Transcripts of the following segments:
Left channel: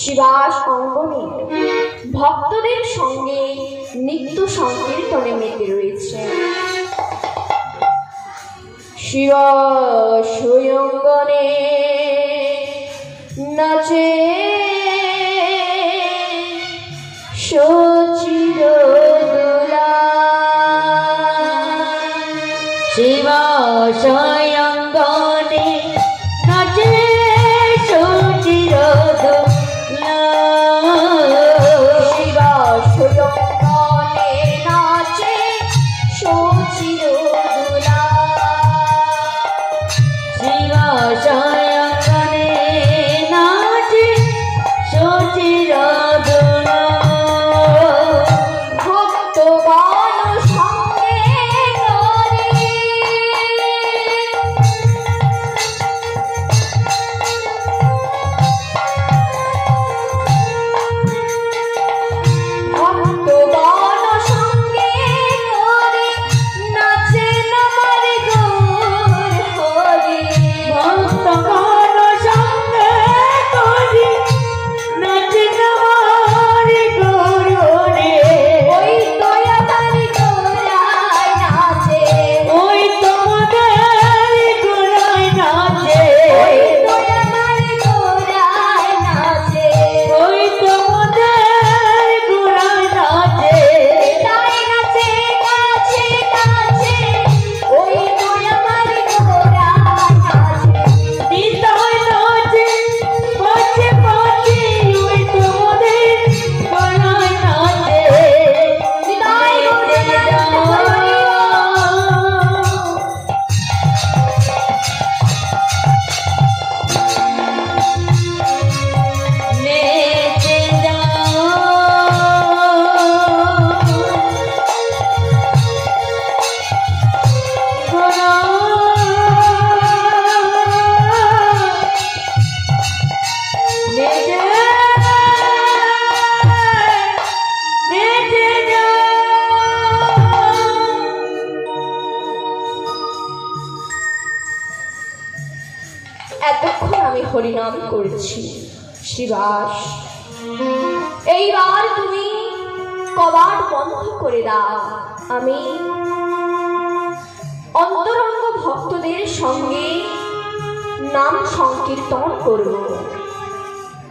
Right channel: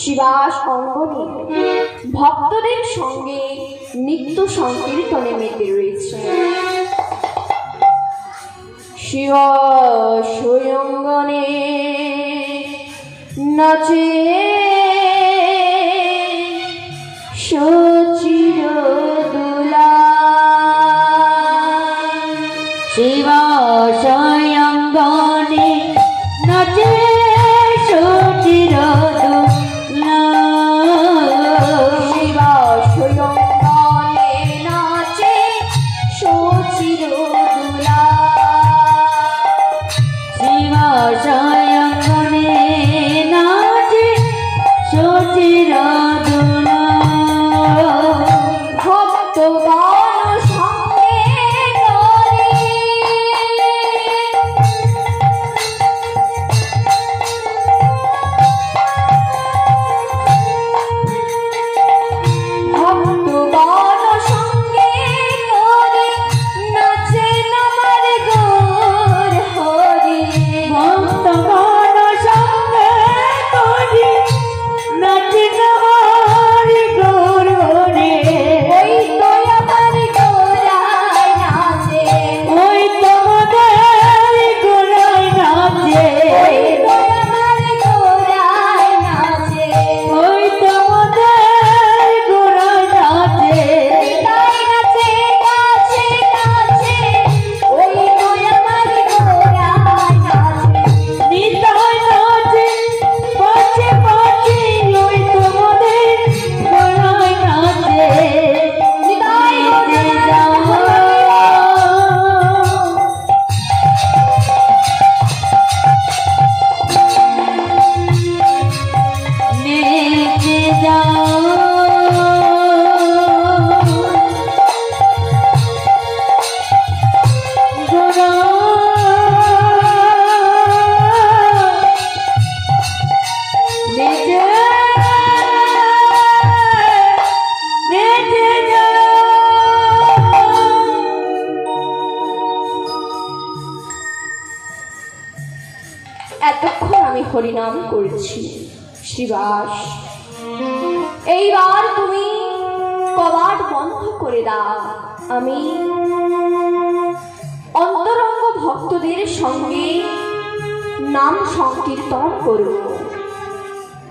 শিবাস অঙ্গনে ভক্তদের সঙ্গে নিত্য সংকীর্তনে মেতে রয়েছে। শিবাস অঙ্গনে নাচে সচিরদুলা। শিবাস অঙ্গনে নাচে সচিরদুলা। শিবাস অঙ্গনে নাচে সচিরদুলা। শিবাস অঙ্গনে নাচে সচিরদুলা। ভক্তগণ সঙ্গে করে ভক্তগণ সঙ্গে করে নাচেন আমার গৌর হরি। ভক্তগণ সঙ্গে করে নাচেন আমার গৌর হরি। ওই তো আমার গৌরায় নাচে, ওই তোমাদের গোড়ায় নাচে। ওই তো আমার গৌরায় নাচে। ওই তোমাদের গোড়ায় নাচে। তাই নাচে কাছে কাছে, ওই তো আমার গৌরায় নাচে। নিতাই নাচে পাছে পাছে। ওই তোমাদের গোড়ায় নাচে। নিতাই নেচে যাও গোরা। নেচে নেচে যাও। এতক্ষণ আমি হরিনাম করেছি শিবাস, এইবার তুমি কবাট বন্ধ করে দাও। আমি অন্তরঙ্গ ভক্তদের সঙ্গে নাম সংকীর্তন করব।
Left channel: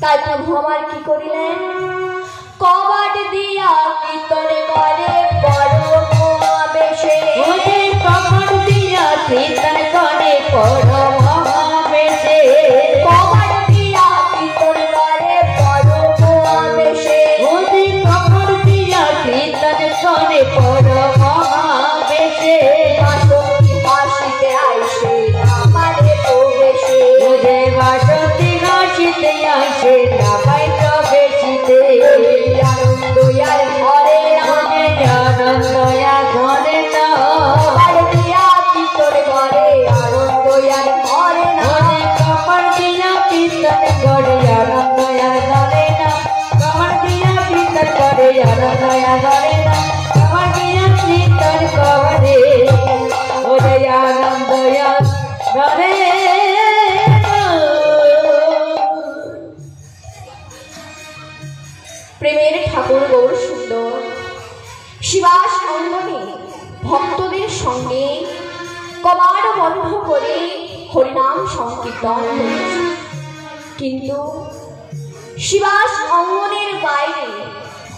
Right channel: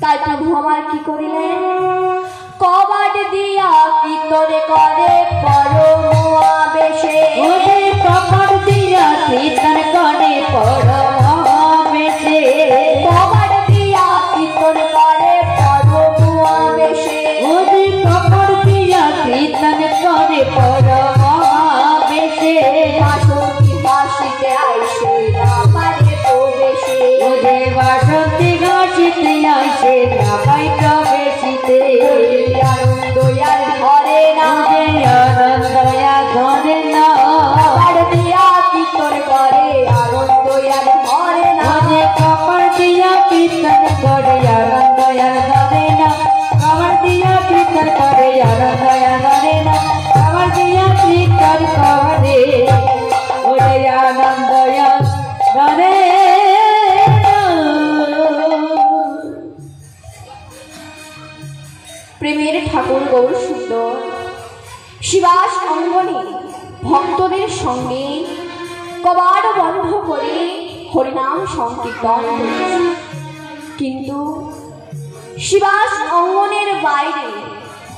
তাই প্রভু আমার কি করিলেন, কবাট দিয়া কীর্তনে করে পরম আবেশে। ওরে কপাট দিয়া কীর্তন করে পরম আবেশে। কবাট দিয়া কীর্তন করে পরম আবেশে। ওরে কপাট দিয়া কীর্তন করে পরম আবেশে। বাসন্তী হাসিতে আইসে আমারে প্রবেশে। ওরে বাসন্তী হাসিতে আসে ঢাকায় প্রবেশিতে। আনন্দ আর ঘরে না, ওরে আনন্দ আর ঘরে না। কবাট দিয়া কীর্তন করে আনন্দ আর ঘরে না। ওরে কপাট দিয়া কীর্তন করে আনন্দ আর ঘরে না। কপাট দিয়া কীর্তন করে আনন্দ আর ঘরে না। কপাট দিয়া কীর্তন করে ওরে আনন্দ আর ঘরে না। প্রেমের ঠাকুর গৌর সুন্দর শিবাস অঙ্গনে ভক্তদের সঙ্গে কবাট বন্ধ করে হরিনাম সংকীর্তন করেছে। কিন্তু শিবাস অঙ্গনের বাইরে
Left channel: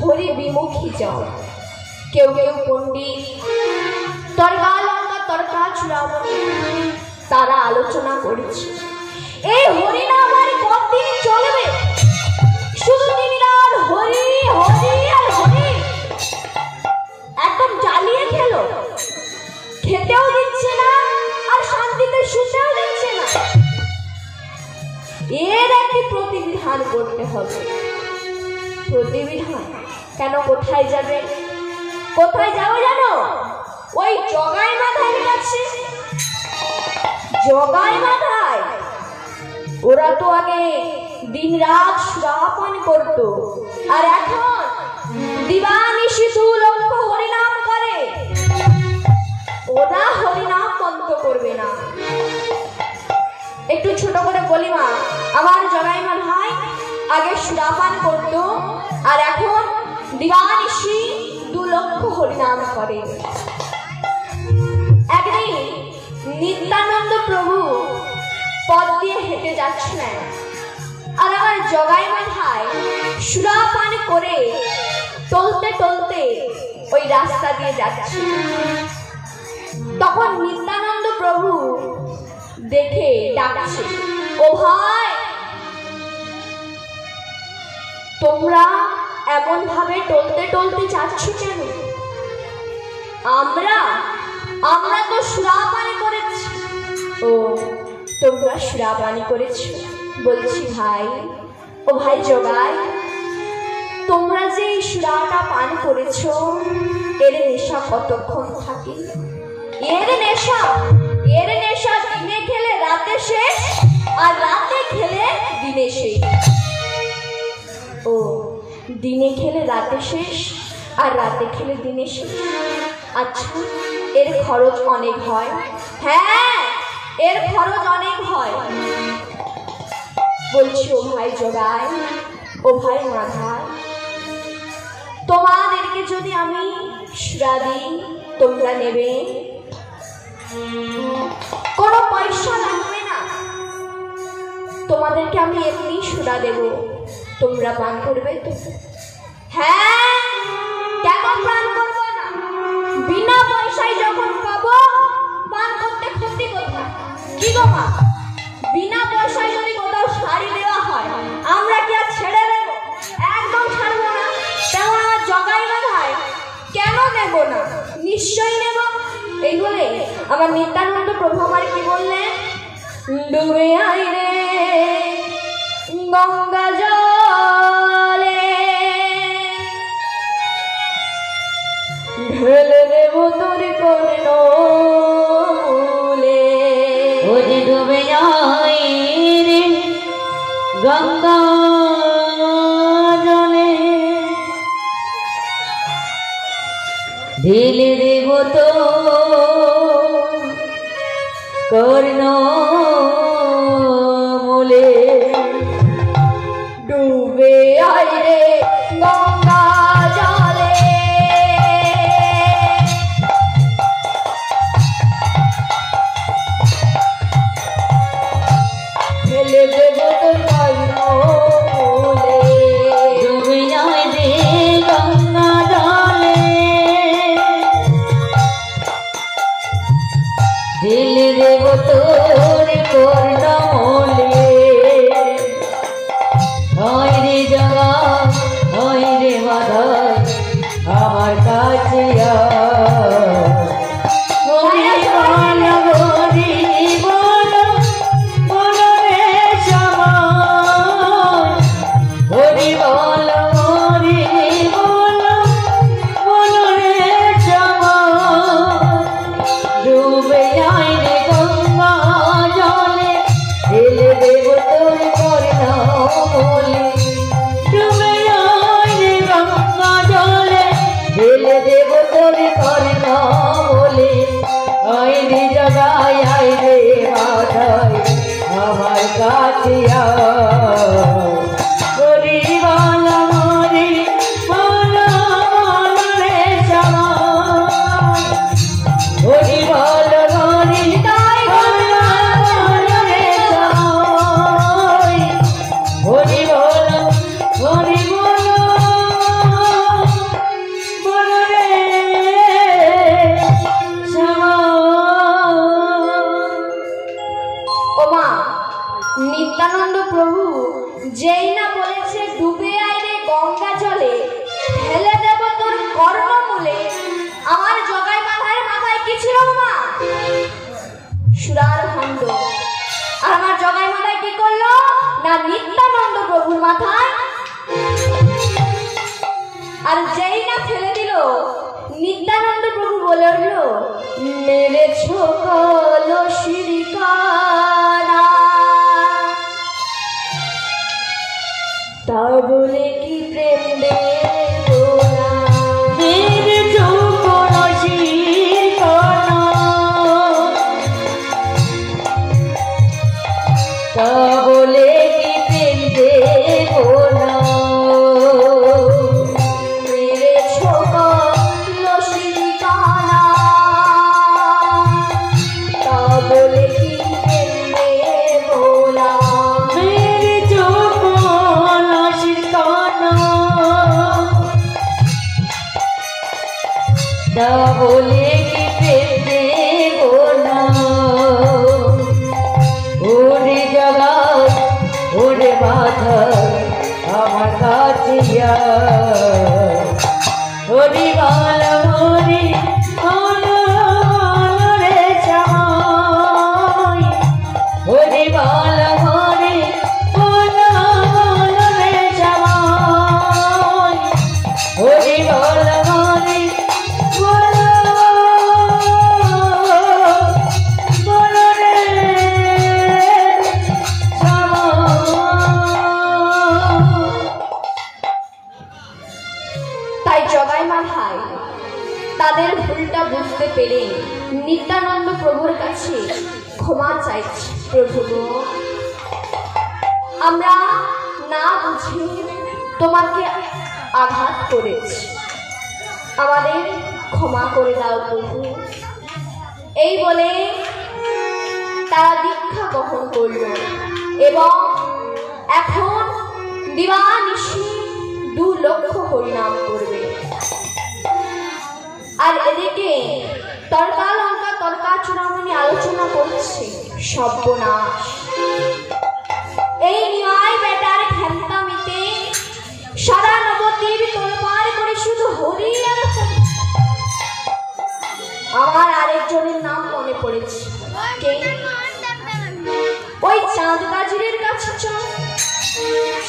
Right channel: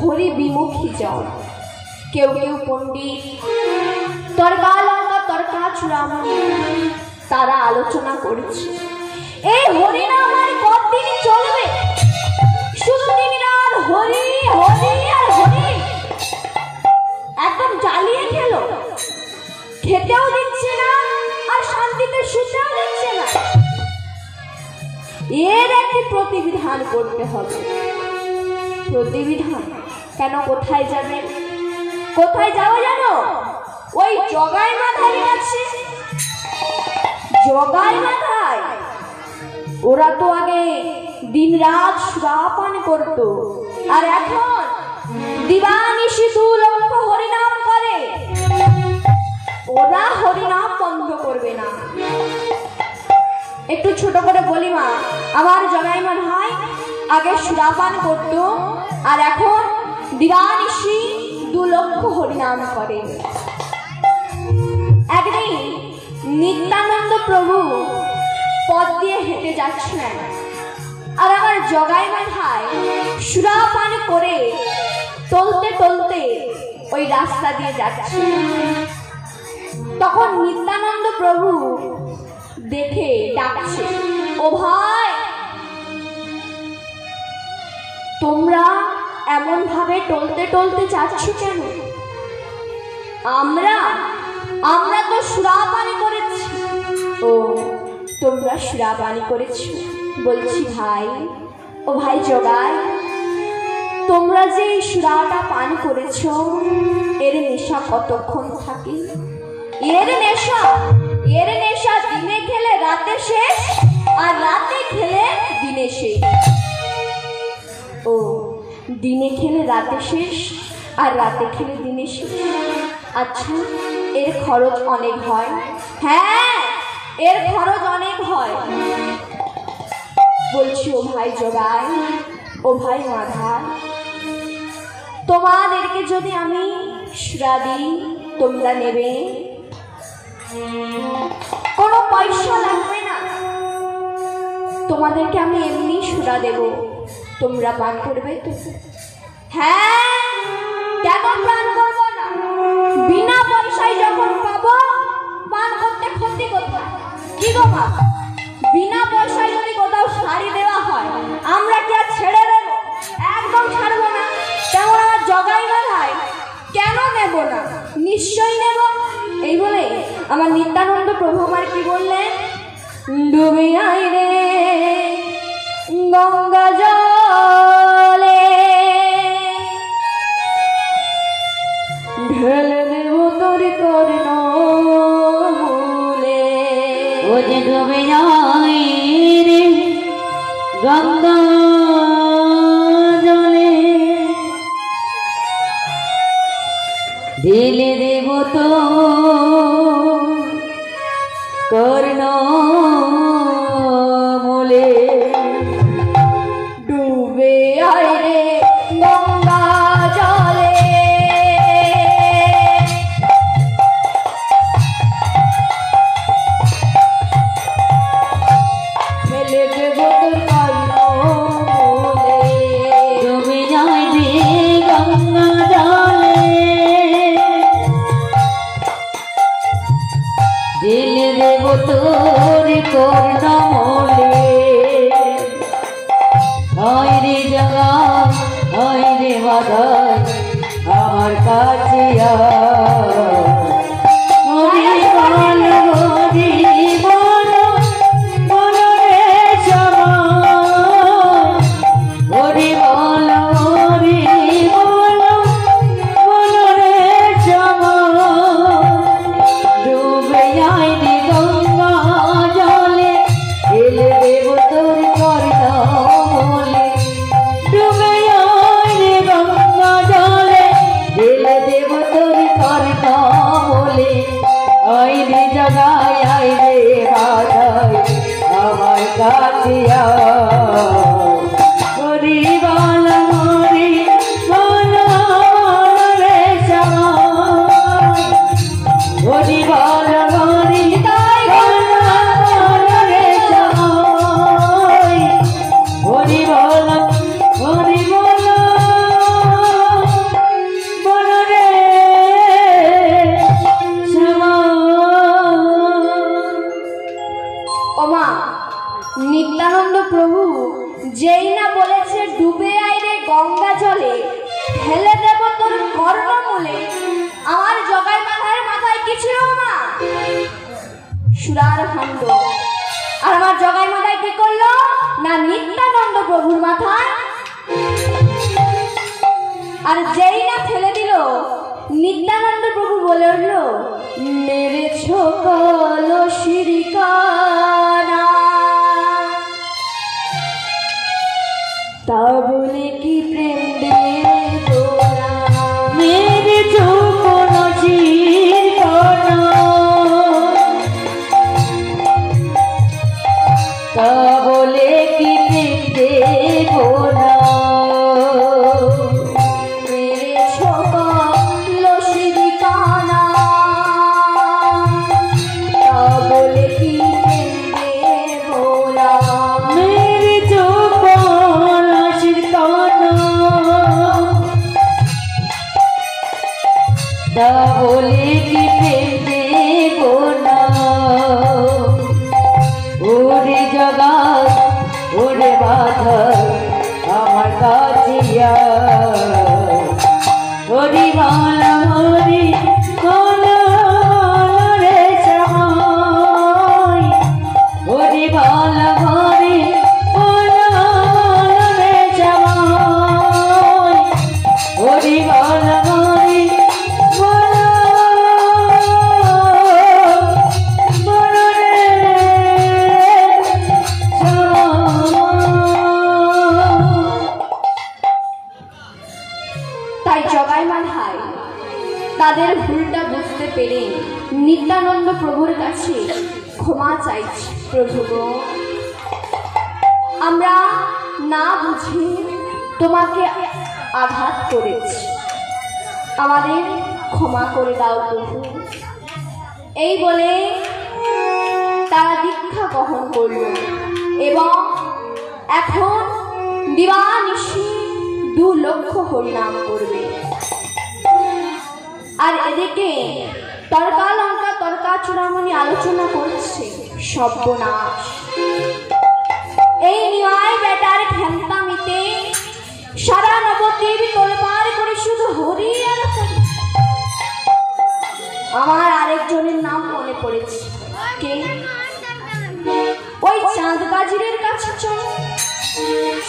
হরি বিমুখী যাও। কেউ কেউ পণ্ডিত, তর্কা লঙ্কা তর্কা চূড়ামণি, তারা আলোচনা করেছে এই হরিনাম আর কতদিন চলবে। শুধু দিনরাত হরি হরি আর হরি, একদম জ্বালিয়ে খেলো। খেতেও দিচ্ছে না আর শান্তিতে শুতেও দিচ্ছে না। এর একটি প্রতিবিধান করতে হবে। প্রতিবিধান কেন? কোথায় যাবে? কোথায় যাবো জানো? ওই জগাই মাথায় কাছে। জগাই মাথায় ওরা তো আগে দিন রাত সুরাপান করত, আর এখন দিবানিশি 2 লক্ষ হরিনাম করে। ওরা হরিনাম বন্ধ করবে না। একটু ছোট করে বলি মা, আমার জগাই মন হয় আগে সুরাপান করত আর এখন দিবানিশি 2 লক্ষ হরিনাম করে। একদিন নিত্যানন্দ প্রভু পথ দিয়ে হেঁটে যাচ্ছিলেন আর আমার জগাই মাথায় সুরাপান করে টলতে টলতে ওই রাস্তা দিয়ে যাচ্ছে। তখন নিত্যানন্দ প্রভু দেখে ডাকছে, ও ভাই, তোমরা এমন ভাবে টলতে টলতে যাচ্ছ কেন? আমরা তো সুরাপানি করেছি। ও, তোমরা সুরাপানি করেছো? বলছি ভাই, ও ভাই জগাই, তোমরা যে এই সুরাটা পান করেছো এর নেশা কতক্ষণ থাকে? এর নেশা দিনে খেলে রাতে শেষ, আর রাতে খেলে দিনে শেষ। ও, দিনে খেলে রাতে শেষ আর রাতে খেলে দিনে শেষ। আচ্ছা, এর খরচ অনেক হয়? হ্যাঁ, এর খরচ অনেক হয়। বলছি ও ভাই জগাই, ও ভাই মাধা, তোমাদেরকে যদি আমি সুরা দিই তোমরা নেবে? কোনো পয়সা লাগবে না, তোমাদেরকে আমি এমনি সুরা দেব, তোমরা পান করবে তো? হ্যাঁ, কেন পান করবো না? বিনা পয়সায় যখন পাবো পান করতে ক্ষতি কোথায়? কি গো মা, বিনা পয়সায় যদি কোথাও শাড়ি দেওয়া হয় আমরা কি আর ছেড়ে দেবো? একদম ছাড়বো না। তেমন আমার জগাই মাথায় কেন নেব না? নিশ্চয়ই নেব। এই বলে আমার নিত্যানন্দ প্রভু আমার কি বললেন, ডুবে আয় রে গঙ্গা জলে, ঢেলে দেব তোর কর্ণমূলে। ও যে ডুবে যায় রে গঙ্গা জলে, ঢেলে দেব তো কর্ণমূলে। ডুবে আয় রে গঙ্গা জলে, ফেলে দেব তোর কর্ণমূলে। ডুবে যায় রে গঙ্গা জলে, ঢেলে দেব তোর কর্ণমূলে। হয় রে জগা, হয় রে মাধব, আমার কাছে হরি বল, হরি বল, বল রে সবাই। হরি বল, হরি বল, বল রে সবাই। ডুবে যায় রে গঙ্গা জলে, ঢেলে দেব তোর কর্ণমূলে। ডুবে যায় রে গঙ্গা জলে, ঢেলে দেব তোর কর্ণমূলে। আয় রে জগাই, আয় রে মাধব, আমার কাছে হরি বল, হরি বল, বল রে সবাই। হরি বল, হরি বল, বল রে সবাই। হরি বল, হরি বল, বল রে সবাই। ওমা, নিত্যানন্দ প্রভু যেই না বলেছে ডুবে আয় রে গঙ্গা জলে, ঢেলে দেব তোর কর্ণমূলে, আমার জগাই মাথায় কি ছিল মা? সুরার ভাণ্ড। আর আমার জগাই মাথায় কি করলো না? নিত্যানন্দ প্রভুর মাথায়। আর যেই না ফেলে দিল, নিত্যানন্দ প্রভু বলে উঠলো, মেরেছ কলসির কানা, তা বলে কি প্রেম দিয়ে তোলা? মেরেছ কলসির কানা, তা বলে কি প্রেম দেব হরি বল হরি বল রে জামাই হরি বল হরি বল রে জামাই হরি বল হরি বল রে তাই জগাইমার ভাই তাদের ভুলটা বুঝতে পেরে নিত্যানন্দ প্রভুর কাছে ক্ষমা চাইছে। প্রভু গো, আমরা না বুঝে তোমাকে আঘাত করেছি, আমাদের ক্ষমা করে দাও প্রভু। এই বলে তারা দীক্ষা গ্রহণ করল এবং এখন দিবানিশি 2 লক্ষ হরিনাম করবে। আর এদিকে তর্কা লঙ্কা তর্কা চূড়ামণি আলোচনা করছে সর্বনাশ, এই নিয়াই বেটার ঘ্যান্তামিতে সারা নবদ্বীপ তোলপাড় করে শুধু হরি আর হরি। আমার আরেকজনের নাম মনে পড়েছে, কে? ওই চাঁদ কাজিরের কাছে চল।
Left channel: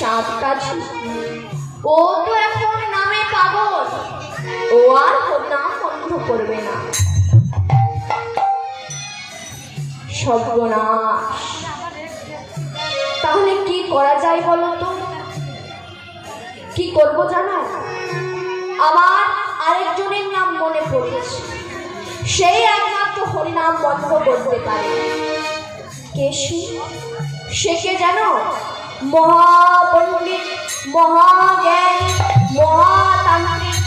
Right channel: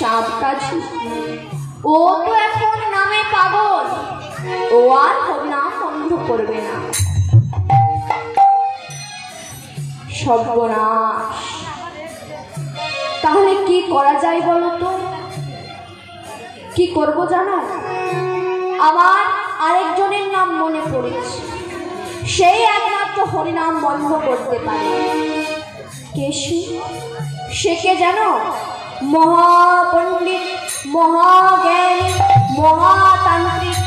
চাঁদ কাজি, ও তো এখন নামে পাগল, ও আর হরিনাম বন্ধ করবে না। সর্বনাশ, তাহলে কি করা যায় বলো তো? কি করবো জানো? আমার আরেকজনের নাম মনে পড়েছে, সেই একমাত্র হরিনাম বন্ধ করতে পারে। কে সে? কে জানো? মহাপণ্ডিত, মহাজ্ঞানী, মহাতান্ত্রিক।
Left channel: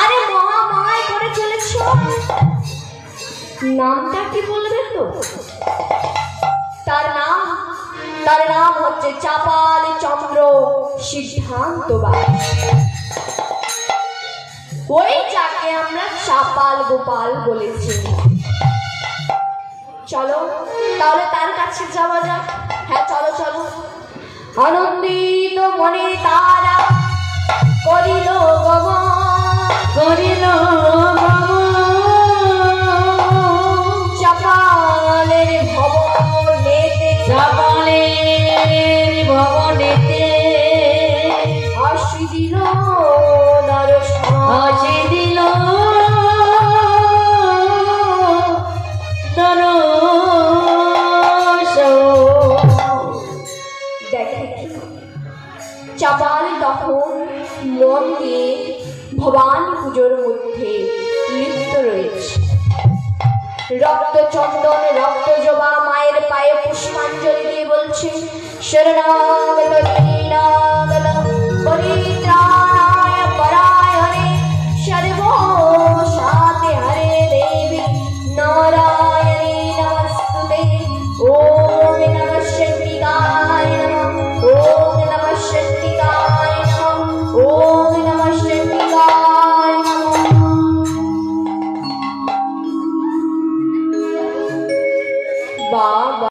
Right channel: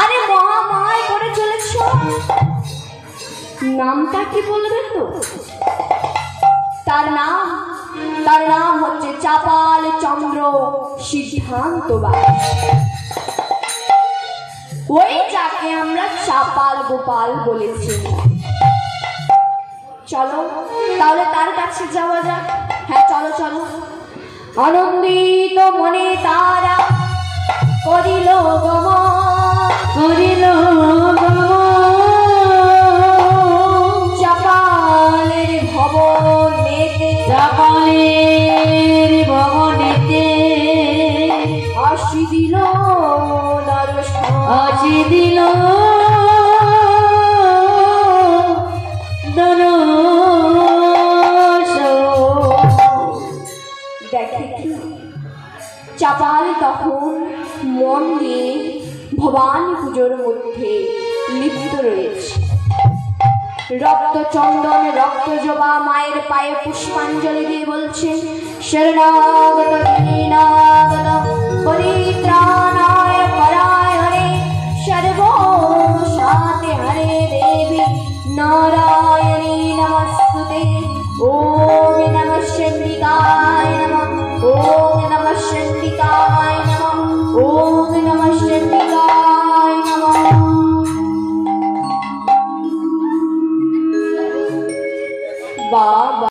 আরে মহামায় করে চলেছ, নামটা কি বলবে তো? তার নাম হচ্ছে চাপাল চন্দ্র সিদ্ধান্ত বাস। ওই যাকে আমরা চাপাল গোপাল বলেছি। চলো তাহলে তার কাছে যাওয়া যাক। হ্যাঁ চলো চলো। আনন্দিত মনে তারা করিল গমন, করিল চাপালের ভবনেতে, চাপালের ভবনেতে আসি দিল দর্শন, আসি দিল চাপাল তখন মন দিয়ে ভবানী পুজোর মধ্যে লিপ্ত রয়েছে। রক্ত চন্দন রক্ত জবা মায়ের পায়ে পুষ্পাঞ্জলি দিয়ে বলছেন, শরণাগত দীনাগত পরিত্রাণায় পরায়ণে সর্বসাতে হরে দেবী নারায়ণী নমস্তুতে। ওম নমঃ চণ্ডিকায় নমঃ, ওম নমঃ চণ্ডিকায় নমঃ, ওম নমঃ চণ্ডিকায় নমঃ। বাবা